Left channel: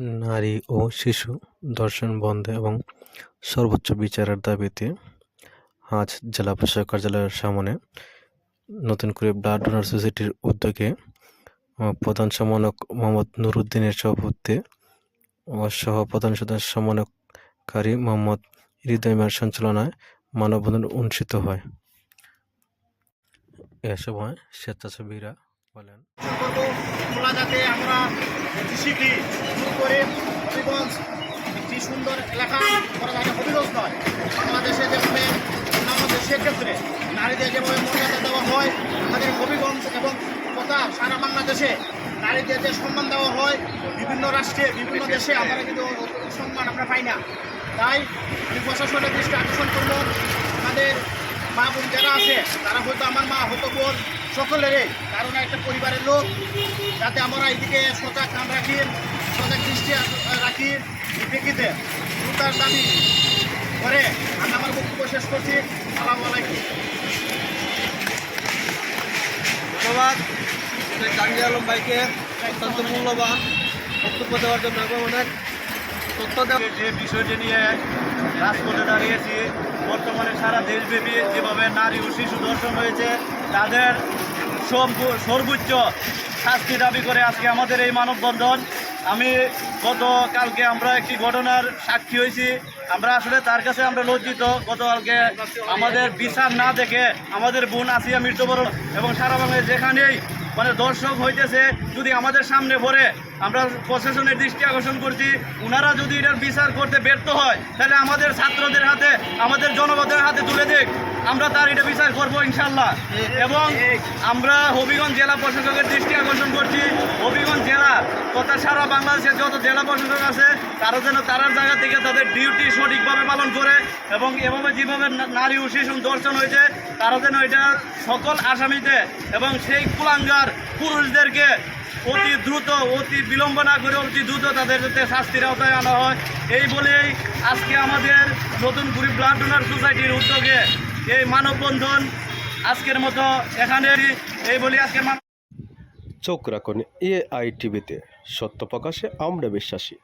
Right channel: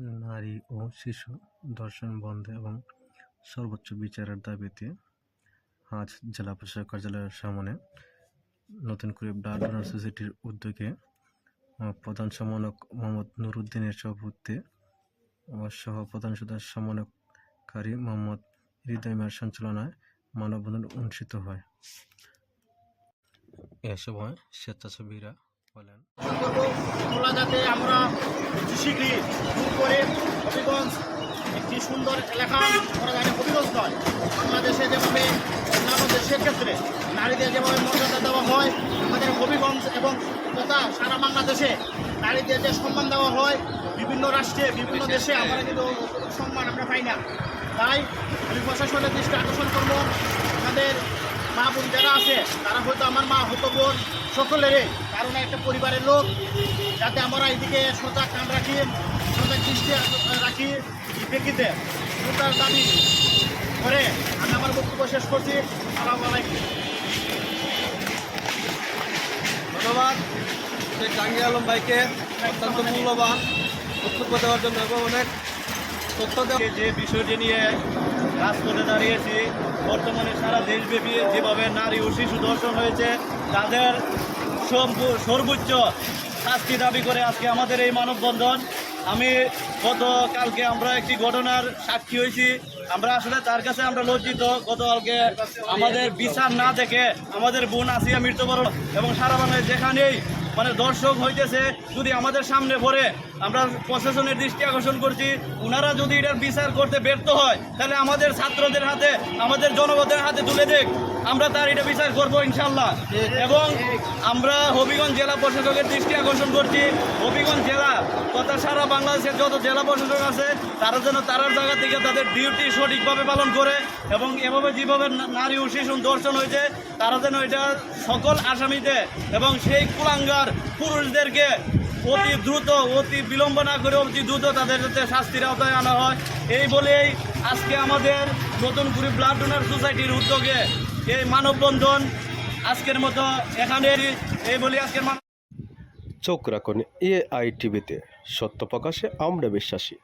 নারী ও শিশু ধর্ষণ বন্ধে এবং সর্বোচ্চ বিচারের দাবিতে আজ জেলা প্রশাসক কার্যালয়ের সামনে নতুন করে ব্লাড ডোনার সোসাইটির উদ্যোগে প্রধান সমন্বয়ক মোহাম্মদ নুরুদ্দিনের সভাপতিত্বে ও সহ প্রধান সমন্বয়কারী মোহাম্মদ হৃদয় মিয়ার সঞ্চালনায় মানববন্ধন অনুষ্ঠিত হয়। এ সময় স্বেচ্ছাসেবীরা বলেন, যাতে আমরা শীঘ্রই শুরু করে হবিগঞ্জ একটি সুন্দর এলাকা করা যায়। হবিগঞ্জ নয়, বাংলাদেশে যেভাবে অন্যান্য দেশের ক্ষেত্রে নারীদের যেভাবে মর্যাদা দেওয়া হয়, আমাদের হবিগঞ্জ এবং তথা সারা বাংলাদেশে নারীদের যে সম্মান দেওয়া হয় বিভিন্ন রাষ্ট্রে বিভিন্ন দেশে আমরা কিন্তু সম্মান আমরা পাই না। তাই আমি প্রশাসনের দৃষ্টি আকর্ষণ করব, আমাদের মা বোন যারা আছে তারা হয়তো আমার মা হতো বোন সকলেরই কারণ একটা পরিবারের লোক, যাতে আমরা এইদিকে সজাগ কান রাখি, সজাগ দৃষ্টি রাখি। প্রেক্ষিতে তার দাবি করে আমি আমার বক্তব্য শেষ করছি। আসসালামু আলাইকুম। ধন্যবাদ জাহাঙ্গীর আলম ভাইকে অত্যন্ত মূল্যবান বক্তব্য দেওয়ার জন্য এবং অনেক তথ্য দেওয়া। যে বিষয়টি নিয়ে রাজপথে দাঁড়িয়েছি, বর্তমানে সারা দেশব্যাপী যেভাবে নারী ও শিশু ধর্ষণ হয়েছে তাদের সর্বোচ্চ শাস্তি দাবি করে আজকে আমাদের এই মানববন্ধন। আমি গতকালকে আমরা একটি ঘটনার সাক্ষী হয়েছি, আমরা আসলে তার কাছে আমরা লজ্জিত। গতকালকে আমাদের বিচার না দেখে আমাদের বোন আসিয়া মৃত্যুবরণ এবং সারা বাংলায় যেখানেই দর্শক হইতেছে যদি আমাদের সামনে পড়ে, আমরা প্রশাসনের দৃষ্টি আকর্ষণ করছি, ওনারা যদি এটার বিচার করতে ব্যর্থ হয় তাহলে আমাদের ছাত্রদের হাতে আমাদের জনগণের হাতে তুলে দিক, আমরা তার এটা বিচার করবো ইনশাল্লাহ। এবং আমরা হবিগঞ্জ জেলা প্রশাসকের দৃষ্টি আকর্ষণ করছি, হবিগঞ্জ জেলা তথা সারা বাংলাদেশের যত জেলা প্রশাসক আছে তারা যেন তারার জায়গা থেকে তাদের ডিউটি সঠিকভাবে পালন করে এবং এভাবে যেভাবে নারী ও শিশু ধর্ষণ হয়েছে তারা যেন এটা সকল আসামিতে এবং সেই কুলাঙ্গার পুরুষদেরকে অতি দ্রুত অতি বিলম্ব না করে অতি দ্রুত তাদের যাতে শাস্তির আওতায় আনা হয়। এই বলেই আজকে আমাদের নতুন করে ব্লাড ডোনার সোসাইটির উদ্যোগে এই মানববন্ধন আজকের মতো এখানে এই বলি আজকের চোখ রাখুন AITV-তে, সত্য প্রকাশে আমরা বিশ্বাসী।